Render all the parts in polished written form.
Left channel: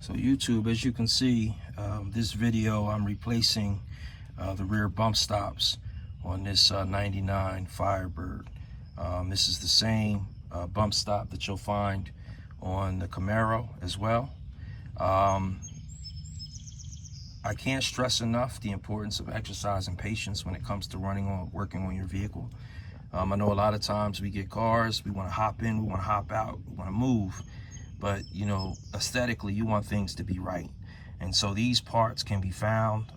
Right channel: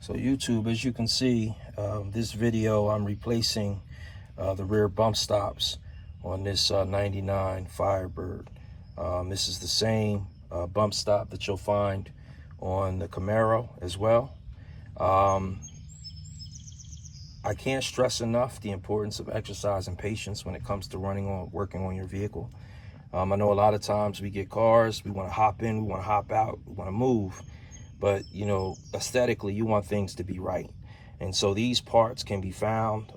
So YouTube, as you can see, this video I'm replacing the rear bump stops on this 99 Firebird. This is the same bump stop that you'll find on the Camaro as well. I can't stress enough the importance of exercise and patience when it comes to working on your vehicle. I know a lot of times we get cars, we want to hop in, we want to hop out, we want to move. But, you know, aesthetically, you want things to be right. And so these parts can be found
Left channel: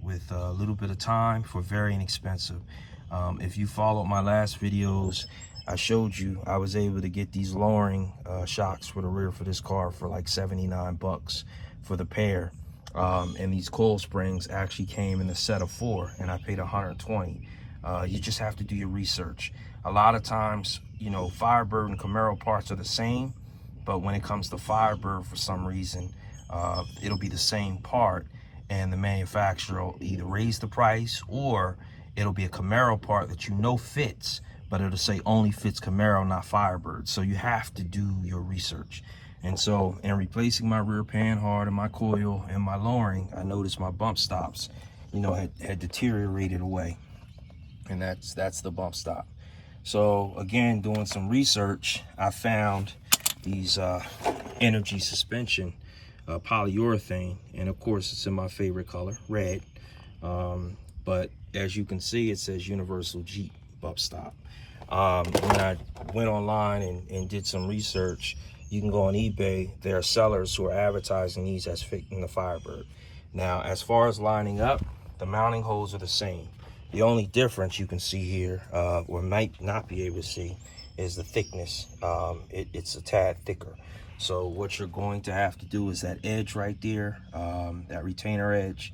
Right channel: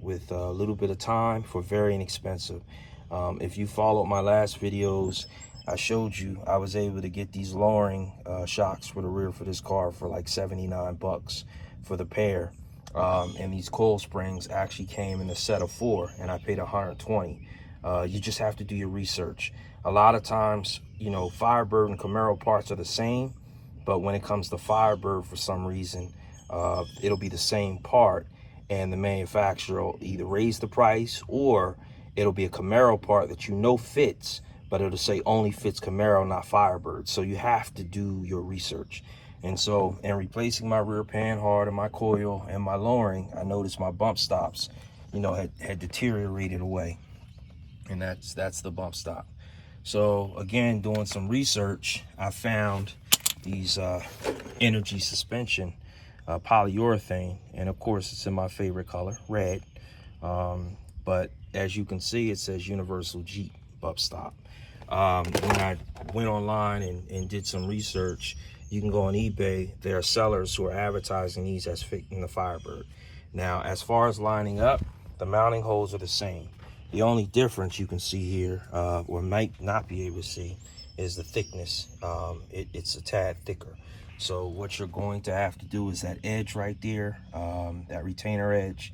with a little bit of time for very inexpensive. If you followed my last videos, I showed you I was able to get these lowering shocks for the rear for this car for like 79 bucks for the pair. And these coil springs actually came in a set of 4, and I paid 120. You just have to do your research. A lot of times, you know, Firebird and Camaro parts are the same. But when it comes to Firebird, for some reason, it'll be the same part, and the manufacturer will either raise the price, or it'll be a Camaro part that you know fits, but it'll say only fits Camaro, not Firebird. So you have to do your research. And so in replacing my rear panhard and my coil and my lowering, I noticed my bump stops, you know, had deteriorated away. And that's the bump stop. So again, doing some research, I found these energy suspension polyurethane, and of course it's in my favorite color, red. But as you can see, it says Universal Jeep bump stop. When I went online and did some research, you can go on eBay. There are sellers who are advertising these as fitting the Firebird. Now, as far as lining up, the mounting holes are the same. The only difference you can see here, or might not be able to see, is the thickness. It's a tad thicker. So what you're going to have to do is that edge right there, that retainer edge,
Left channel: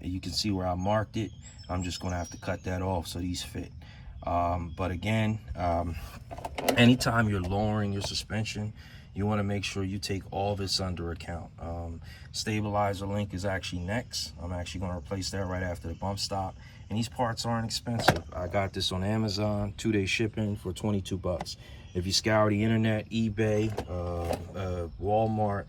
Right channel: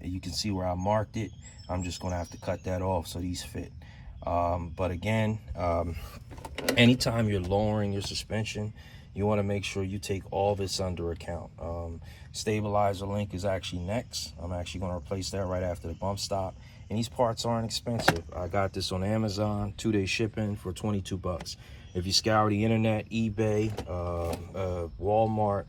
you can see where I marked it. I'm just going to have to cut that off so these fit. But again, anytime you're lowering your suspension, you want to make sure you take all this under account. Stabilizer link is actually next. I'm actually going to replace that right after the bump stop. And these parts aren't expensive. I got this on Amazon, 2-day shipping for 22 bucks. If you scour the internet, eBay, Walmart,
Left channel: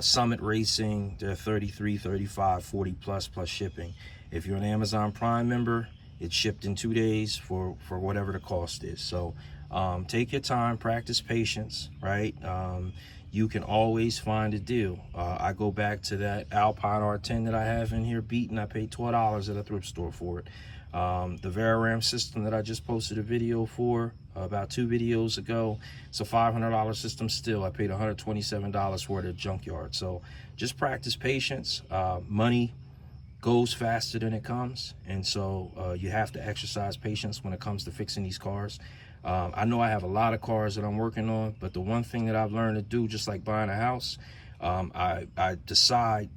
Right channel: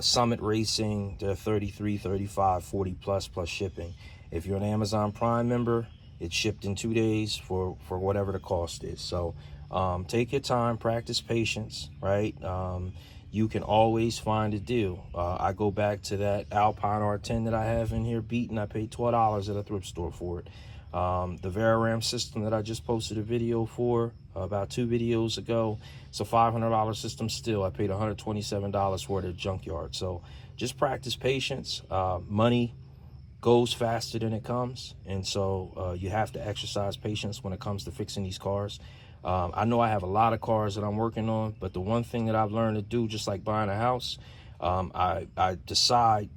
Summit Racing, they're 33, 35, 40 plus shipping. If you're an Amazon Prime member, it's shipped in 2 days for whatever the cost is. So take your time, practice patience, right? You can always find a deal. I go back to that Alpine R10 that I have in here beaten. I paid $12 at a thrift store for it. The VariRam system that I just posted a video for about 2 videos ago, it's a $500 system still. I paid $127 for it at Junkyard. So just practice patience. Money goes faster than it comes, and so you have to exercise patience when it comes to fixing these cars. I know I have a lot of cars that I'm working on, but the one thing that I've learned to do, just like buying a house, I decide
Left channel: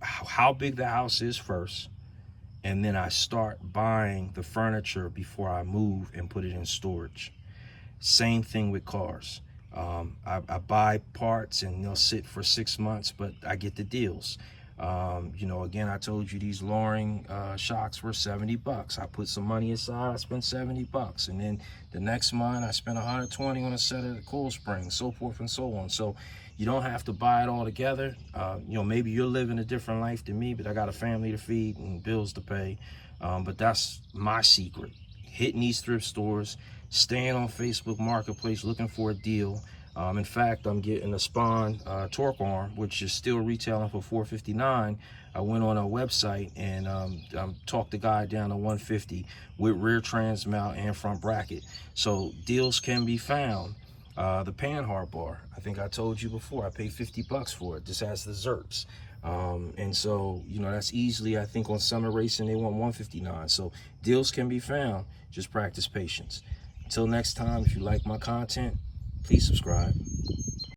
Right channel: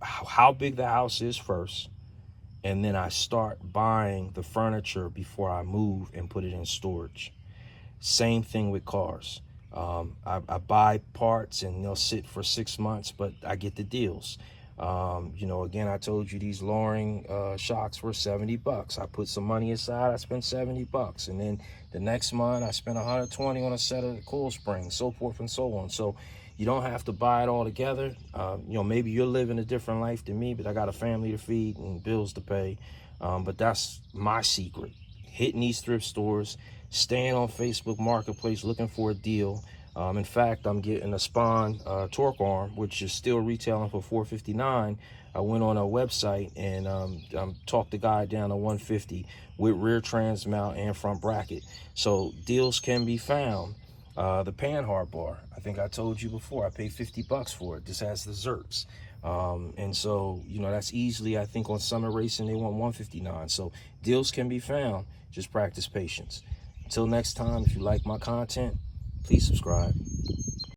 how big the house is first, and then I start buying the furniture before I move and put it in storage. Same thing with cars. I buy parts and they'll sit for 6 months, but I get the deals. You know, again, I told you these lowering shocks were 70 bucks. I put some money aside, I spent 70 bucks. And then the next month I spent 120 on a set of the coil springs, so forth and so on. So you don't have to buy it all together. You know, maybe you're living a different life than me, but I got a family to feed and bills to pay. But that's my secret. Hitting these thrift stores, staying on Facebook Marketplace looking for a deal. In fact, I'm getting a Spawn torque arm, which is still retailing for $459. I went on a website and talked the guy down to $150 with rear trans mount and front bracket. So deals can be found. The panhard bar, I think I told you before, I paid 50 bucks for it. This has the Zerps. And so, you know, that's easily, I think on Summit Racing, they want $159. So deals can be found. Just practice patience. Until next time, if you like my content, please subscribe.